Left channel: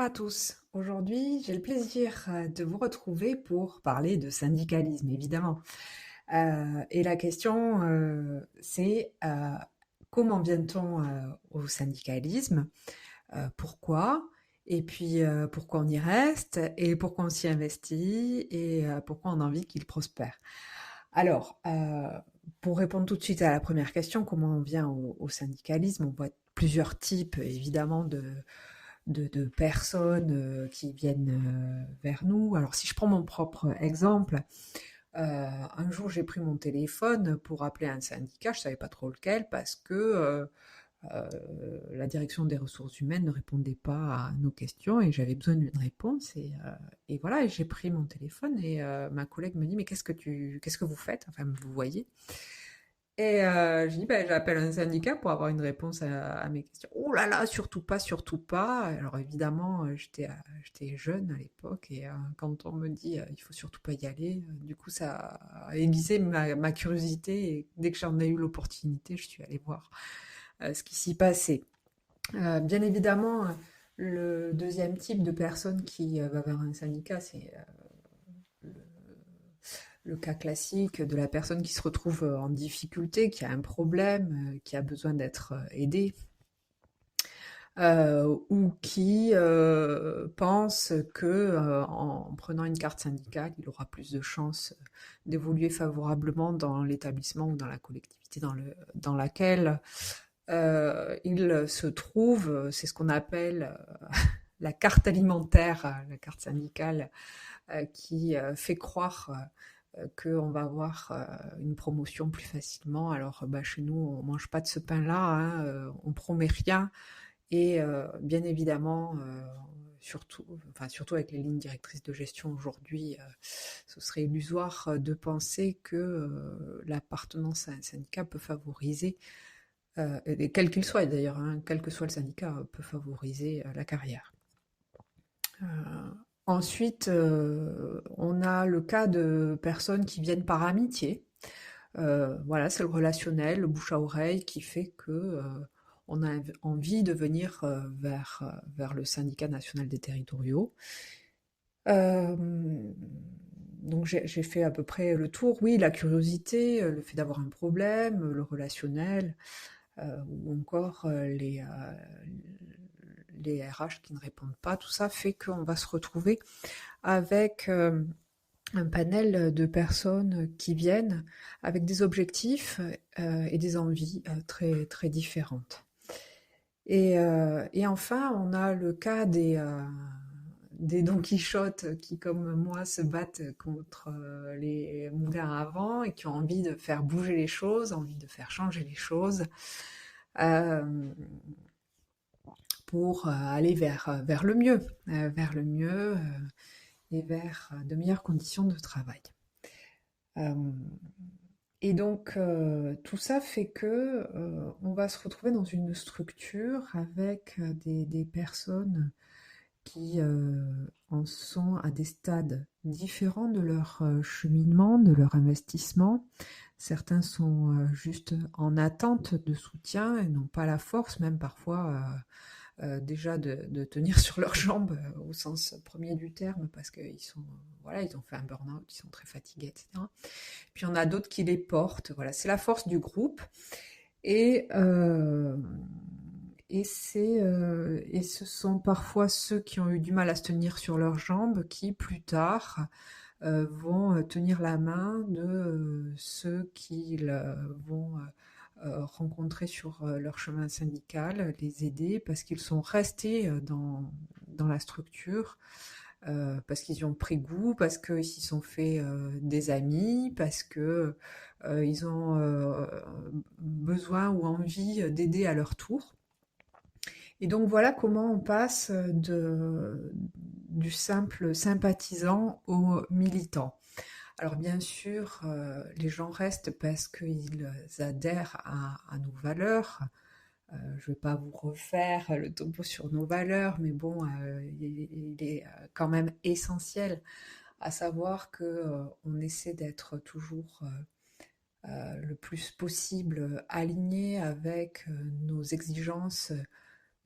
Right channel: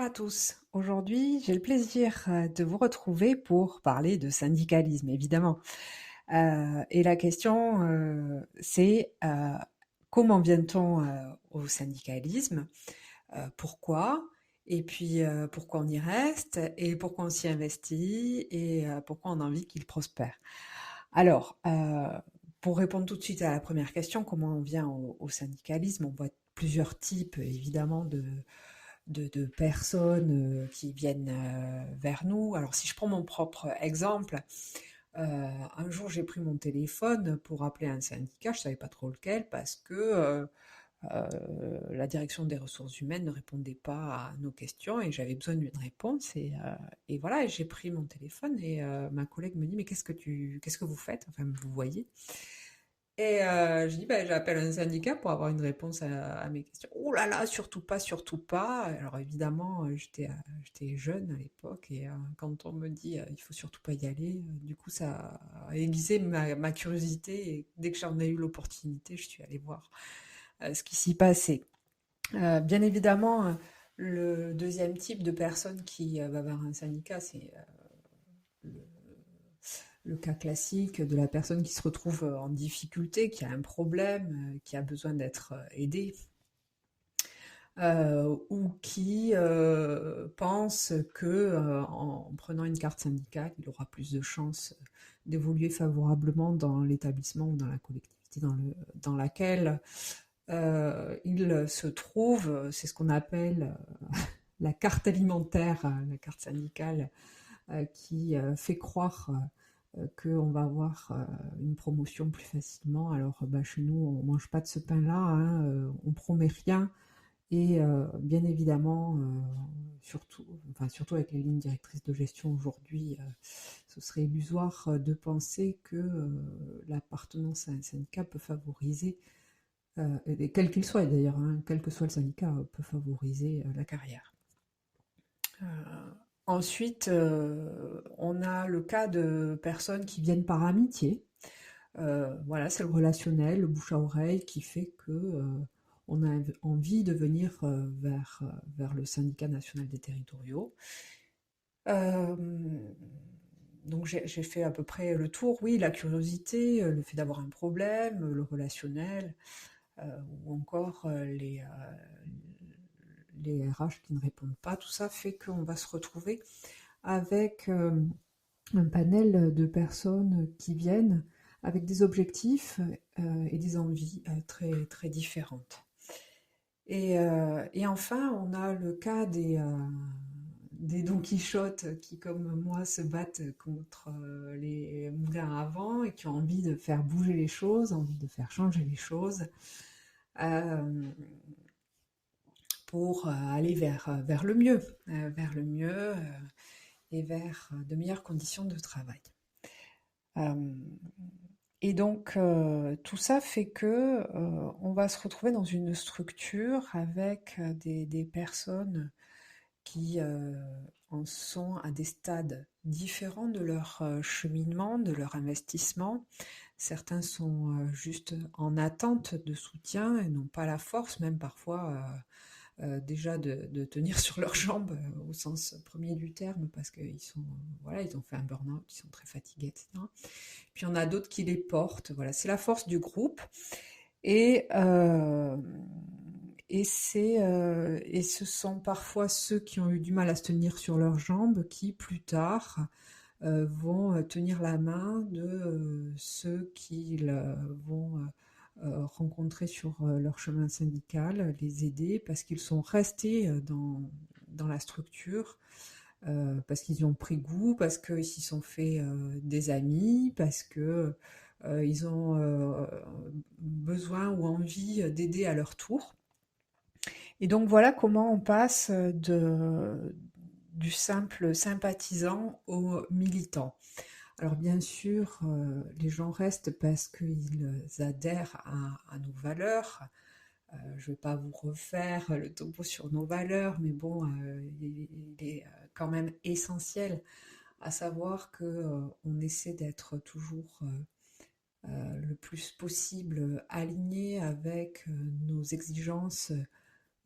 Bonjour à tous. Aujourd'hui, j'ai le plaisir de vous retrouver pour parler de syndicalisme, évidemment. Et la question, c'est comment vient-on au syndicalisme? Pourquoi? Et puis, pourquoi on y reste? Et pourquoi on s'y investit? Et pourquoi on a envie qu'il prospère? Alors, pour répondre tout de suite à la première question, comment on vient au syndicalisme? On voit plusieurs types, évidemment, de personnes qui viennent vers nous. Alors, si je prends mon propre exemple, un jour, j'ai pris mon téléphone pour appeler un syndicat, je ne savais pas trop lequel, parce que la direction des ressources humaines ne répondait pas à nos questions et j'avais besoin d'une réponse. Et voilà, et j'ai pris mon téléphone et ma collègue me dit, mais qu'est-ce que vous faites? Enfin, vous voyez. Et je dis: «Bah, j'appelle un syndicat pour avoir une réponse à mes questions». «Oh là là, surtout pas, surtout pas!» Alors évidemment, j'étais jeune à l'époque et quand on me dit, «Il faut surtout pas y aller», du coup ça a aiguisé ma curiosité et dès que j'en ai eu l'opportunité, je suis allée voir, ce qui s'y passait. Bien évidemment, le deuxième type de personne qui, va vers un syndicat, c'est, le le cas classique de la personne qui se retrouve en difficulté, qui a un problème, qui a besoin d'être aidée, ou qui pense que en prenant une carte syndicale, il aura plus de chances d'évoluer favorablement dans l'établissement ou dans la collectivité dans laquelle il se trouve. C'est ce qu'on appelle la carte alimentaire, la carte syndicale, qui fait croire qu'on va avoir une promotion plus facilement. Alors, bah, chez nous, on mange pas de ce pain-là, hein, on promet rien. Et bien évidemment, surtout avec les lignes directrices de gestion aujourd'hui, ce serait illusoire de penser que l'appartenance à un syndicat peut favoriser, et quel qu'il soit d'ailleurs, hein, quel que soit le syndicat, peut favoriser la carrière. Euh, Ensuite, on a le cas de personnes qui viennent par amitié. Voilà, c'est le relationnel, le bouche à oreille qui fait que on a envie de venir vers le syndicat national des territoriaux. Euh, donc j'ai fait à peu près le tour. Oui, la curiosité, le fait d'avoir un problème, le relationnel, ou encore les RH qui ne répondent pas, tout ça fait qu'on va se retrouver avec un panel de personnes qui viennent avec des objectifs et des envies très, très différentes. Et enfin, on a le cas des Don Quichotte qui, comme moi, se battent contre les moulins à vent et qui ont envie de faire bouger les choses, envie de faire changer les choses, euh, pour aller vers le mieux et vers de meilleures conditions de travail. Euh, et donc, tout ça fait que on va se retrouver dans une structure avec des personnes qui en sont à des stades différents de leur cheminement, de leur investissement. Certains sont juste en attente de soutien et n'ont pas la force, même parfois déjà de tenir sur leurs jambes au sens premier du terme, parce qu'ils sont, voilà, ils ont fait un burn-out, ils sont très fatigués, etc. Puis on a d'autres qui les portent. Voilà, c'est la force du groupe. Et, euh, et ce sont parfois ceux qui ont eu du mal à se tenir sur leurs jambes qui, plus tard, vont tenir la main de ceux qu'ils vont rencontrer sur leur chemin syndical, les aider parce qu'ils sont restés dans la structure, parce qu'ils y ont pris goût, parce qu'ils s'y sont fait des amis, parce que ils ont besoin ou envie d'aider à leur tour. Et donc voilà comment on passe du simple sympathisant au militant. Alors bien sûr, les gens restent parce qu'ils adhèrent à nos valeurs. Je ne vais pas vous refaire le topo sur nos valeurs, mais bon, il est quand même essentiel à savoir que on essaie d'être toujours le plus possible aligné avec nos exigences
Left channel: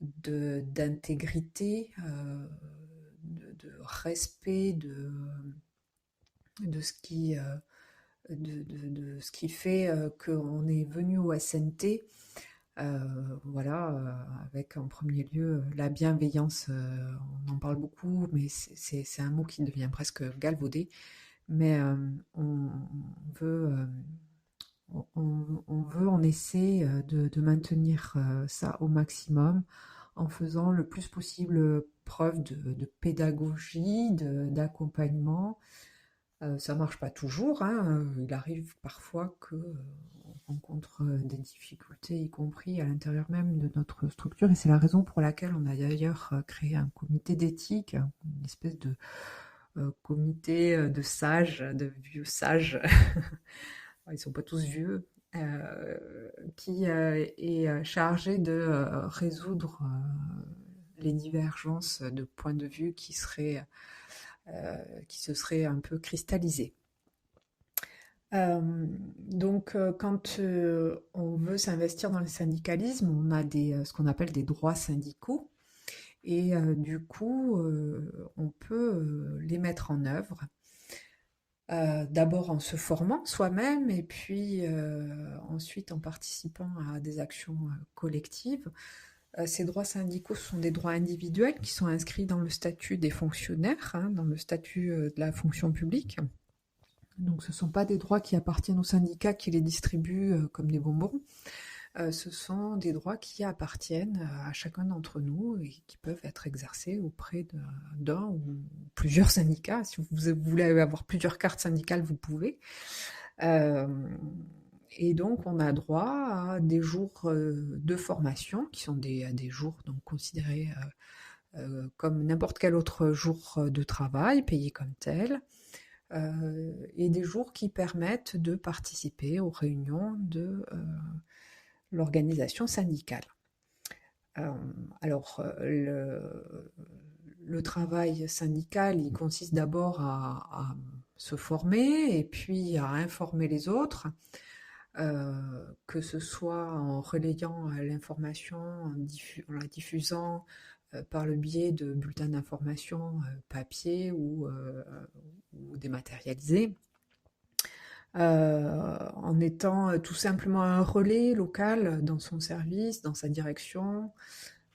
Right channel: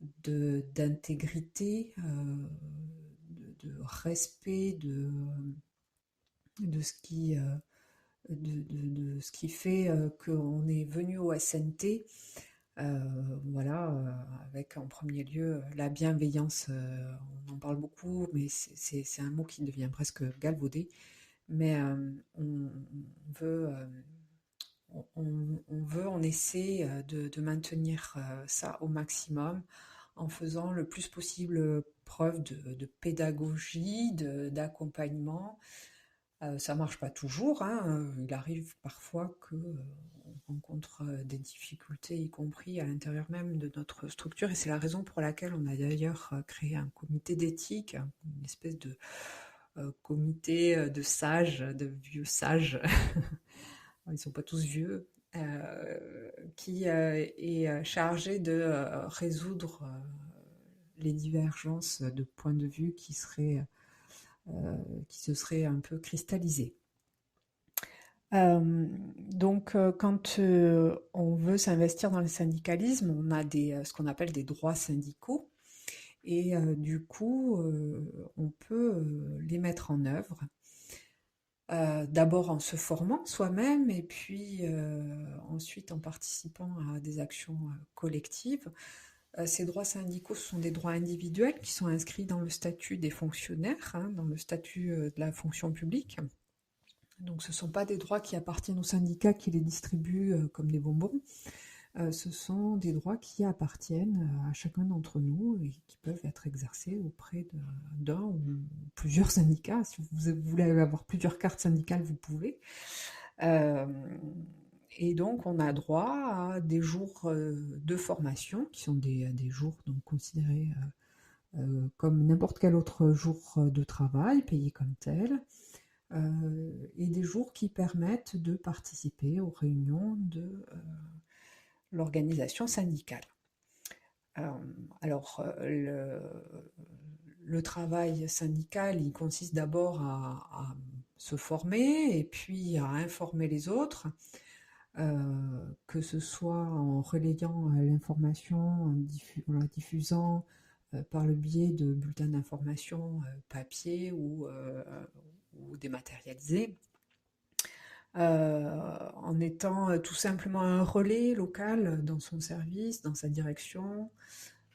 d'intégrité, de respect de ce qui, de ce qui fait qu'on est venu au SNT. Voilà, avec en premier lieu la bienveillance, on en parle beaucoup, mais c'est un mot qui devient presque galvaudé. Mais on veut, on essaie de maintenir ça au maximum en faisant le plus possible preuve de pédagogie, d'accompagnement. Ça marche pas toujours, hein, il arrive parfois que, on rencontre des difficultés, y compris à l'intérieur même de notre structure, et c'est la raison pour laquelle on a d'ailleurs créé un comité d'éthique, une espèce de comité de sages, de vieux sages, ils sont pas tous vieux, qui est chargé de résoudre les divergences de points de vue qui se seraient un peu cristallisées. Donc, quand on veut s'investir dans le syndicalisme, on a ce qu'on appelle des droits syndicaux, et du coup, on peut les mettre en œuvre. D'abord en se formant soi-même, et puis ensuite en participant à des actions collectives. Ces droits syndicaux sont des droits individuels qui sont inscrits dans le statut des fonctionnaires, hein, dans le statut de la fonction publique. Donc ce ne sont pas des droits qui appartiennent aux syndicats qui les distribuent comme des bonbons. Ce sont des droits qui appartiennent à chacun d'entre nous et qui peuvent être exercés auprès d'un ou plusieurs syndicats. Si vous voulez avoir plusieurs cartes syndicales, vous pouvez. Et donc, on a droit à des jours de formation, qui sont des jours donc considérés comme n'importe quel autre jour de travail, payés comme tel, et des jours qui permettent de participer aux réunions de l'organisation syndicale. Alors, le travail syndical, il consiste d'abord à se former et puis à informer les autres, que ce soit en relayant l'information, en la diffusant par le biais de bulletins d'information papier ou dématérialisés, en étant tout simplement un relais local dans son service, dans sa direction.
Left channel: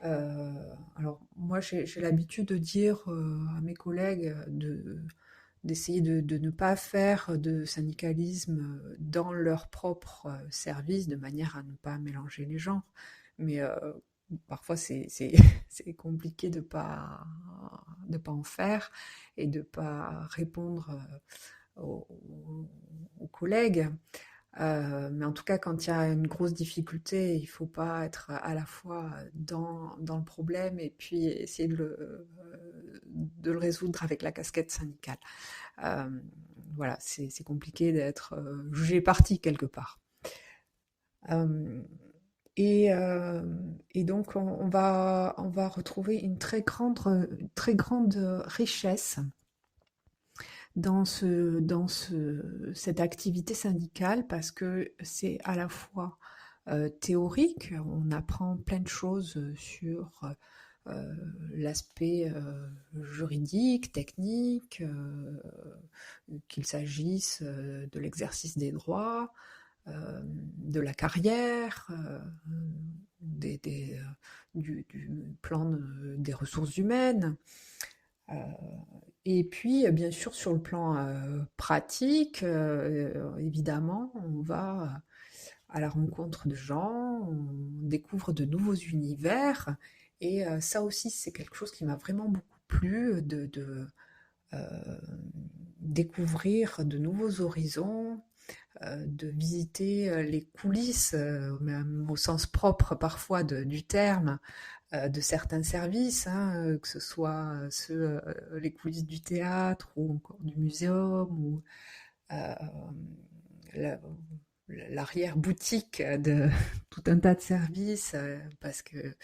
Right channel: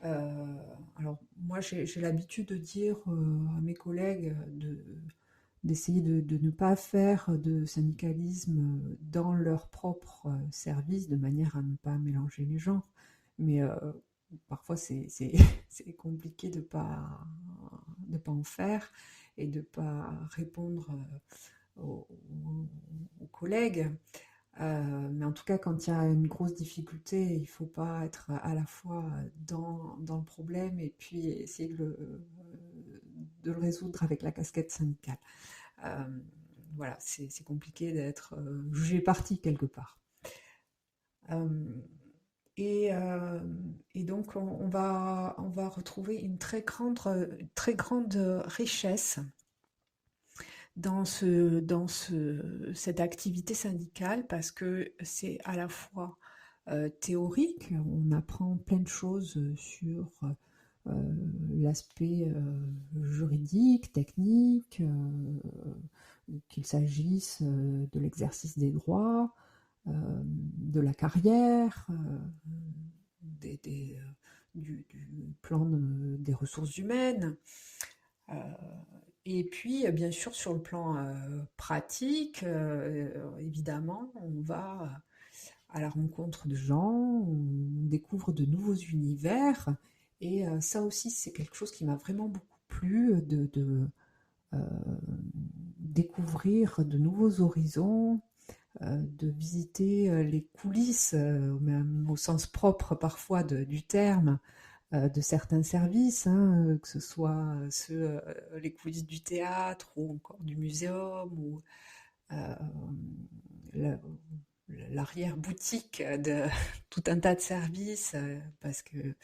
Alors moi j'ai l'habitude de dire à mes collègues d'essayer de ne pas faire de syndicalisme dans leur propre service, de manière à ne pas mélanger les genres. Mais parfois c'est compliqué de pas en faire et de pas répondre aux, aux collègues. Mais en tout cas, quand il y a une grosse difficulté, il ne faut pas être à la fois dans le problème et puis essayer de le résoudre avec la casquette syndicale. Voilà, c'est compliqué d'être jugé parti quelque part. Et, donc, on va retrouver une très grande richesse dans cette activité syndicale, parce que c'est à la fois théorique, on apprend plein de choses sur l'aspect juridique, technique, qu'il s'agisse de l'exercice des droits, de la carrière, du plan des ressources humaines. Et puis, bien sûr, sur le plan pratique, évidemment, on va à la rencontre de gens, on découvre de nouveaux univers. Et ça aussi, c'est quelque chose qui m'a vraiment beaucoup plu, découvrir de nouveaux horizons, de visiter les coulisses, même au sens propre parfois du terme, de certains services, hein, que ce soit les coulisses du théâtre ou encore du muséum, ou euh, l'arrière-boutique de tout un tas de services, parce que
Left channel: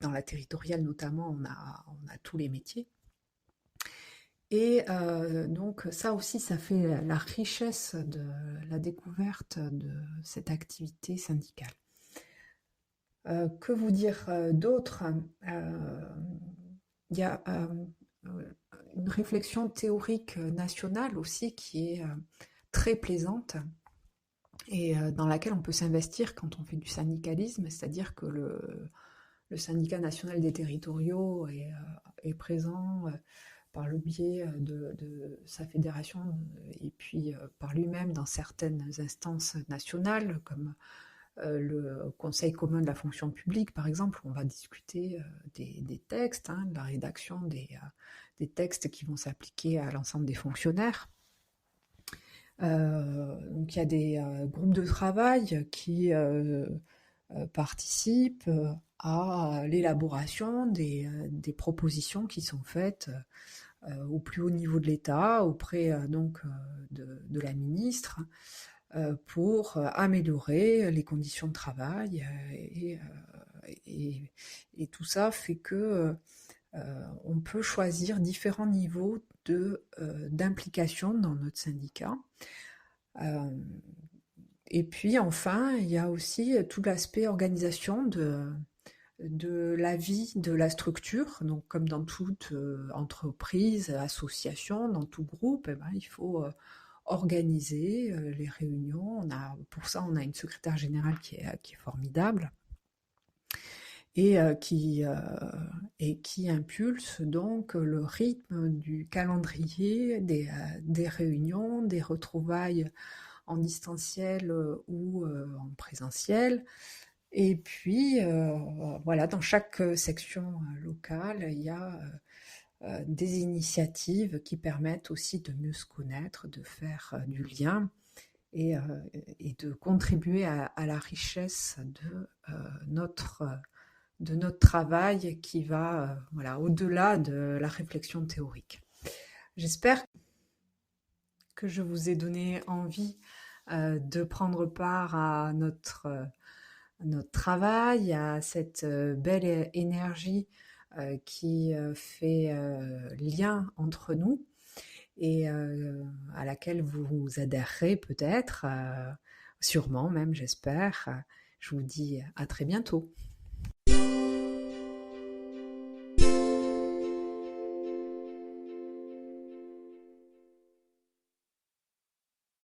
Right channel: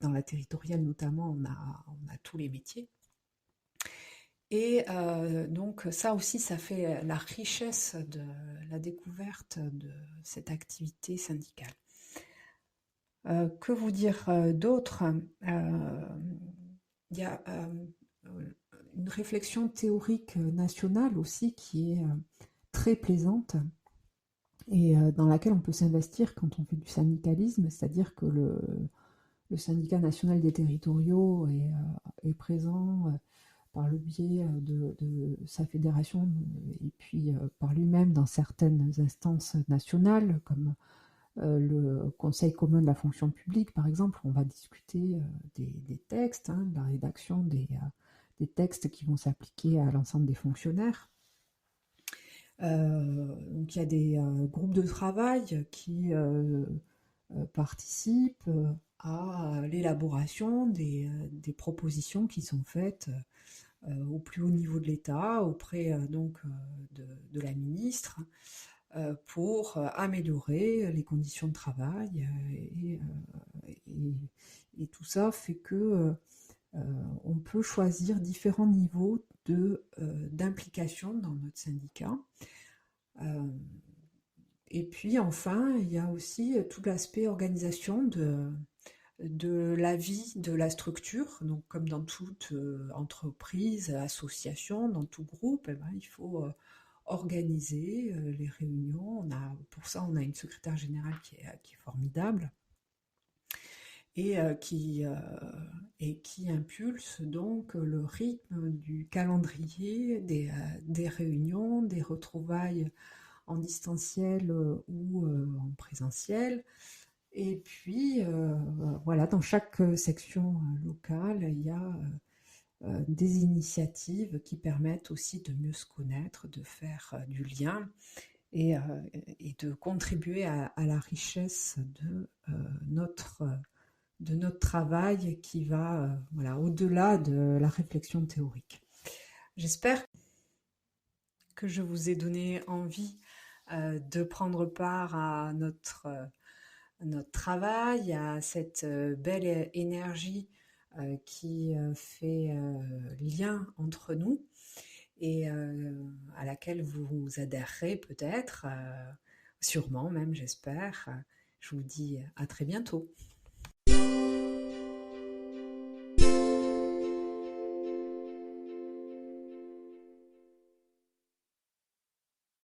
dans la territoriale notamment, on a tous les métiers. Et donc ça aussi, ça fait la richesse de la découverte de cette activité syndicale. Que vous dire d'autre? Il y a une réflexion théorique nationale aussi qui est très plaisante et dans laquelle on peut s'investir quand on fait du syndicalisme, c'est-à-dire que le syndicat national des territoriaux est présent par le biais de sa fédération et puis par lui-même dans certaines instances nationales comme le Conseil commun de la fonction publique, par exemple, où on va discuter des textes, hein, de la rédaction des textes qui vont s'appliquer à l'ensemble des fonctionnaires. Donc il y a des groupes de travail qui participent à l'élaboration des propositions qui sont faites au plus haut niveau de l'État, auprès donc de la ministre, pour améliorer les conditions de travail. Et tout ça fait que on peut choisir différents niveaux d'implication dans notre syndicat. Et puis enfin, il y a aussi tout l'aspect organisation de la vie de la structure. Donc comme dans toute entreprise, association, dans tout groupe, eh ben, il faut organiser les réunions. Pour ça, on a une secrétaire générale qui est formidable et qui impulse donc le rythme du calendrier des réunions, des retrouvailles en distanciel ou en présentiel. Et puis, voilà, dans chaque section locale, il y a des initiatives qui permettent aussi de mieux se connaître, de faire du lien et, euh, et de contribuer à la richesse de notre travail qui va voilà, au-delà de la réflexion théorique. J'espère que je vous ai donné envie de prendre part à notre travail, à cette belle énergie qui fait lien entre nous et à laquelle vous adhérerez peut-être, sûrement même, j'espère. Je vous dis à très bientôt.